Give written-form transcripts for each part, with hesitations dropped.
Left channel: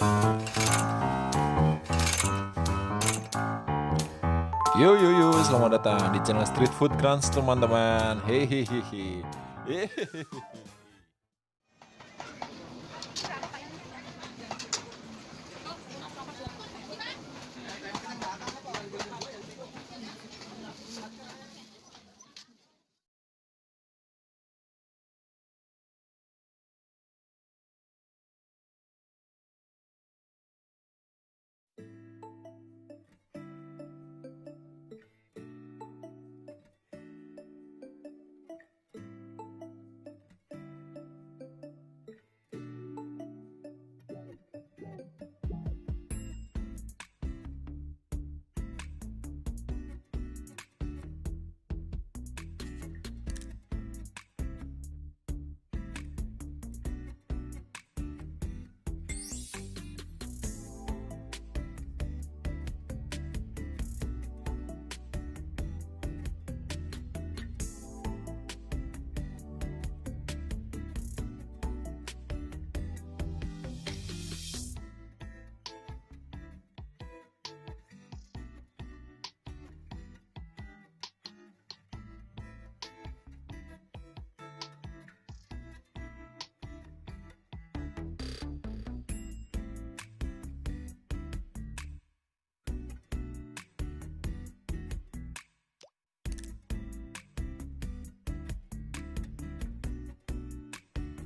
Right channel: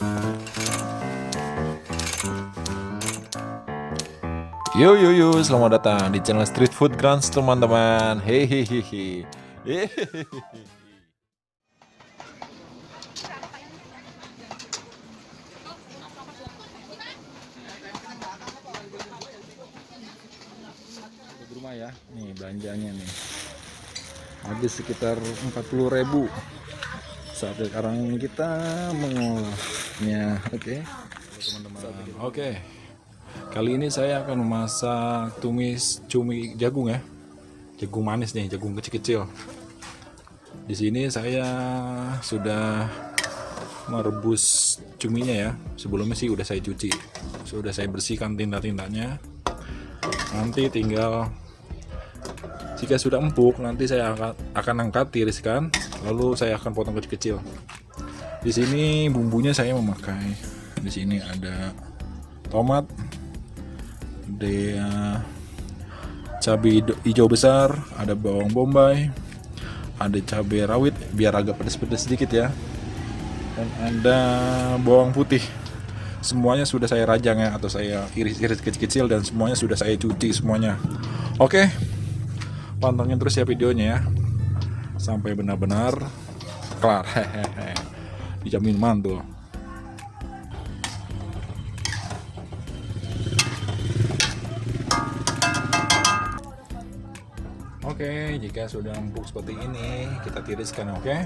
Yo yo yo, selamat datang di channel Street Food Grants teman-teman. Hehehe. Hehehe. Rumah ya, nih belanjanya nih. Habis sekitar 40.000. Saat sekarang kita mengolahnya. Oke. Teman-teman. Oke. Kali ini saya akan memasak tumis cumi jagung ya. Jagung manis nih, jagung kecil-kecil. Di sini saya sudah merebus cuminya ya. Sebelumnya sih udah saya cuci. Sudah saya bersihkan tinta-tintanya. Nanti tinggal jika sudah empuk, nanti saya akan angkat, tiriskan, lalu saya akan potong kecil-kecil. Di sini bumbunya saya memakai. Di sini ada tomat, ada cabai hijau besar, ada bawang bombay, ada cabai rawit biar agak pedas-pedas sedikit ya, dan ada bawang putih. Semuanya sudah saya rajang ya, atau saya iris-iris kecil-kecil, dan semuanya sudah saya cuci semuanya. Oke, pantengin terus ya videonya ya sampai benar-benar kelar. Hehehe, dijamin mantul. Oke, jika sudah empuk seperti ini, kita tiriskan, oke? Ya.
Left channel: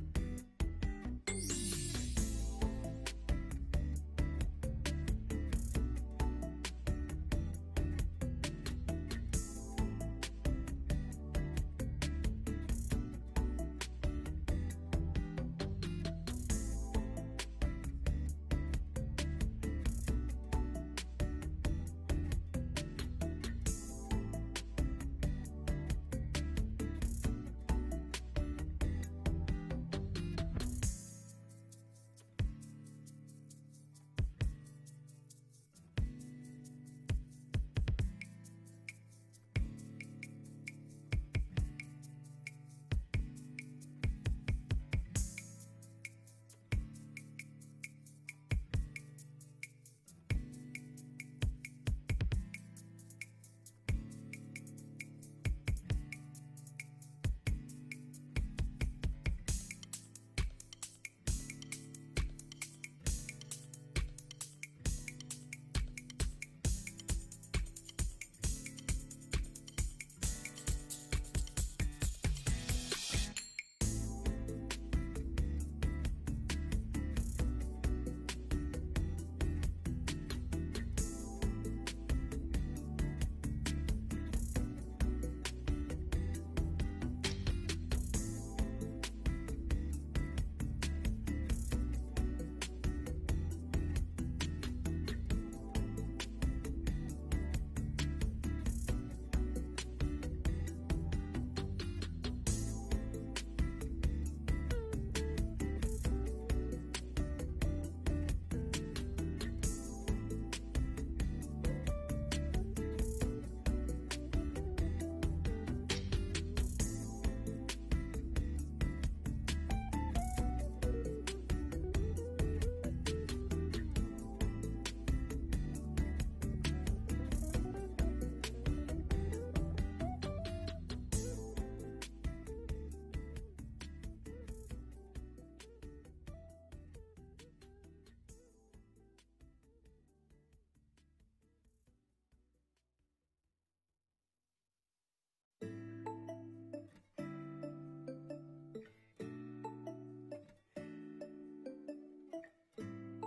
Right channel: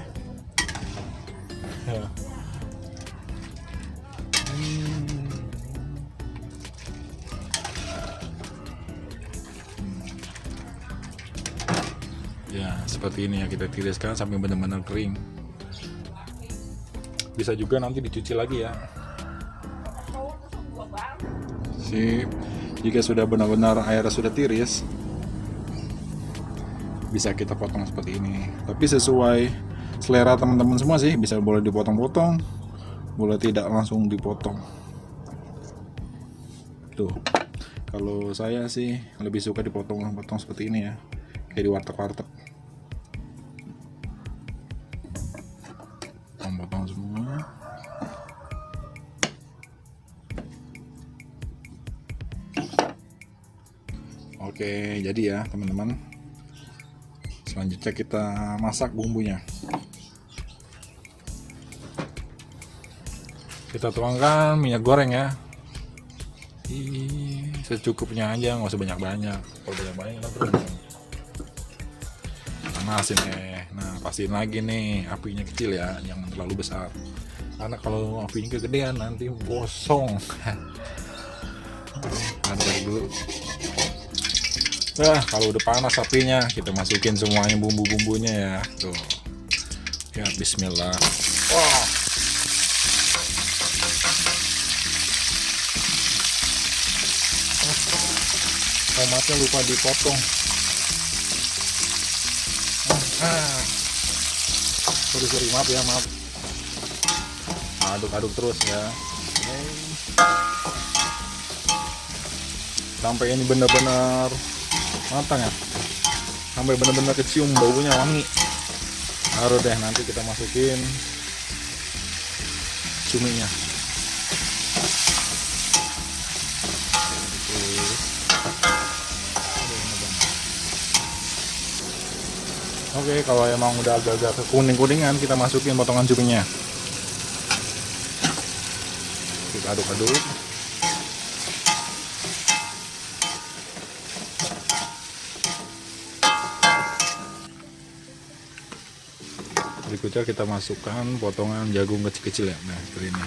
Ya, seperti ini ya, kita tiriskan sampai benar-benar kering. Bisa juga nanti dicuci lagi ya. Sip. Jika sudah benar-benar airnya sudah tiris, bisa kita potong seperti ini, tapi sesuai selera teman-teman semua sih. Bisa boleh dipotong-potong, boleh tidak langsung dipotong. Tuh, kalau saya sih lebih suka dipotong-potong seperti ini ya, kayak di warteg-warteg. Potong semua. Oke, jadi ya teman-teman, selanjutnya kita masak bumbunya. Kita tuangkan minyak goreng ya. Secukupnya aja, nggak usah banyak-banyak. Kalau banyak-banyak kan terus panasin ya. Nah, pastiin lagi nih apinya kecil ya, jangan terlalu besar. Karena kalau apinya kegedean nanti gosong. Aduk dulu. Nah, kalau udah panas apinya, kita masukin semuanya bumbu-bumbunya ya. Tuh. Ya, bismillah. Wow. Tomatnya lupa dipotong. Sorry, maaf ya, maaf. Aduk-aduk terus ya. Sampai ini benar-benar matang ya, sampai benar-benar kecium baunya wangi. Baru deh nanti kita masukin cuminya. Oke, kalau emang udah agak-agak kekuning-kuningan, kita masukin potongan cuminya. Kita aduk-aduk. Berikutnya kita masukkan potongan jagung kecil-kecil ya. Nah, seperti ini.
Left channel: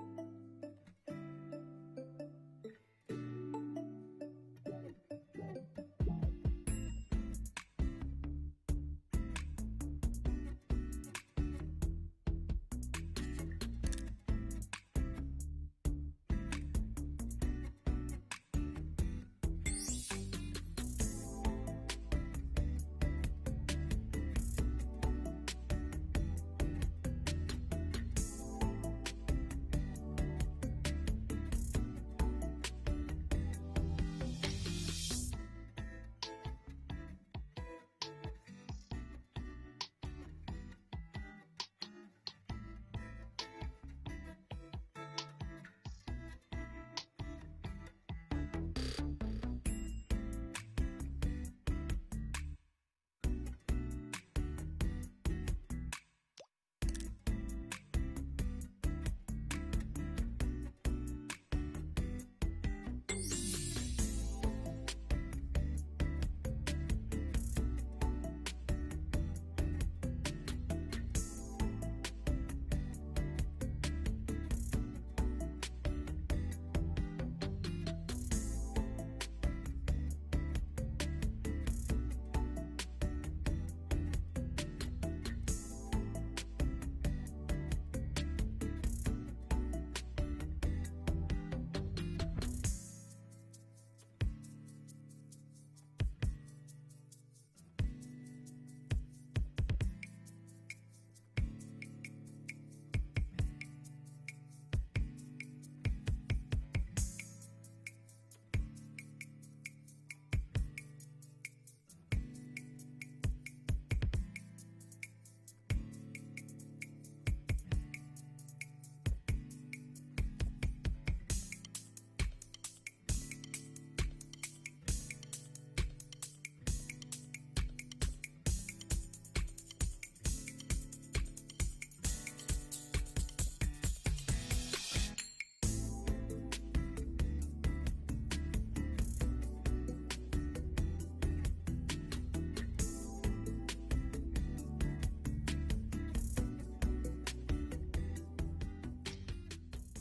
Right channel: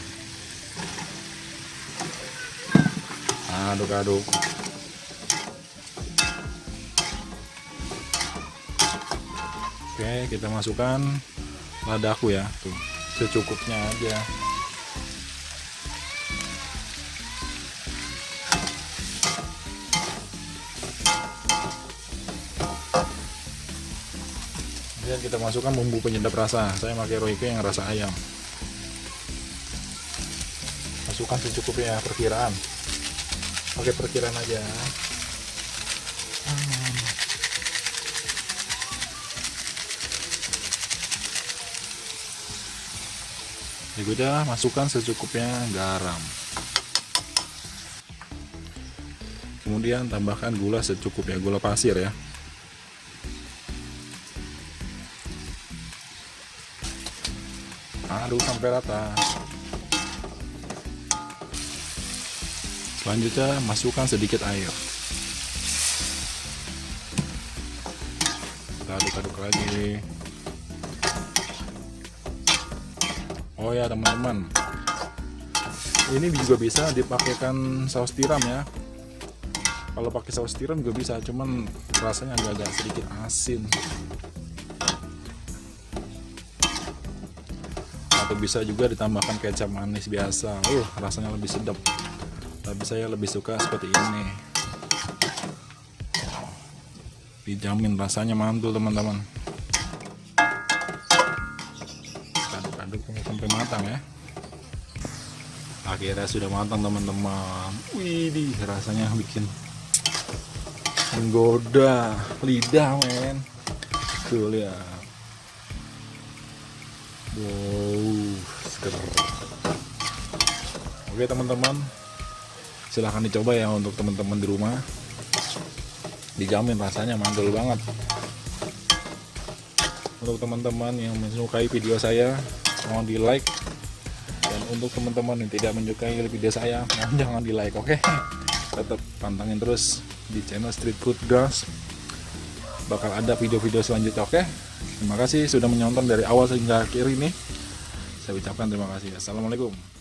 Aduk-aduk. Oke, kita masukkan ladaku ya. Tuh, secukupnya aja. Dan kita masukkan bumbu penyedap rasa. Saya pakai Royco yang rasa ayam. Masukkan secukupnya, perkiraan. Pakai perkiraan aja. Berikutnya masukkan secukupnya garam. Kemudian tambahkan gula secukupnya, gula pasir ya. Aduk sampai rata. Selanjutnya masukkan sedikit air. Kita aduk-aduk lagi. Oh ya teman-teman, ini juga bisa dipakaikan saus tiram ya. Kalau pakai saus tiram juga bisa, cuman rasanya agak sedikit asin. Atau bisa juga ditambahkan kecap manis biasa. Rasanya lebih sedap. Tapi saya lebih suka seperti ini. Dijamin rasanya mantul teman-teman. Aduk-aduk sampai matang ya. Akhirnya sudah matang teman-teman. Wih, rasanya bikin menggoda lidah men. Tuh lihat. Wow, seger. Oke teman-teman, silahkan dicoba ya untuk teman-teman di rumah. Dijamin rasanya mantul banget. Untuk teman-teman yang menyukai video saya, mohon di like. Dan untuk teman-teman yang tidak menyukai video saya, mohon jangan di like, oke? Tetap pantangin terus di channel Street Food Guys. Bakal ada video-video selanjutnya, oke? Terima kasih sudah menonton dari awal hingga akhir ini. Saya ucapkan terima kasih. Assalamualaikum.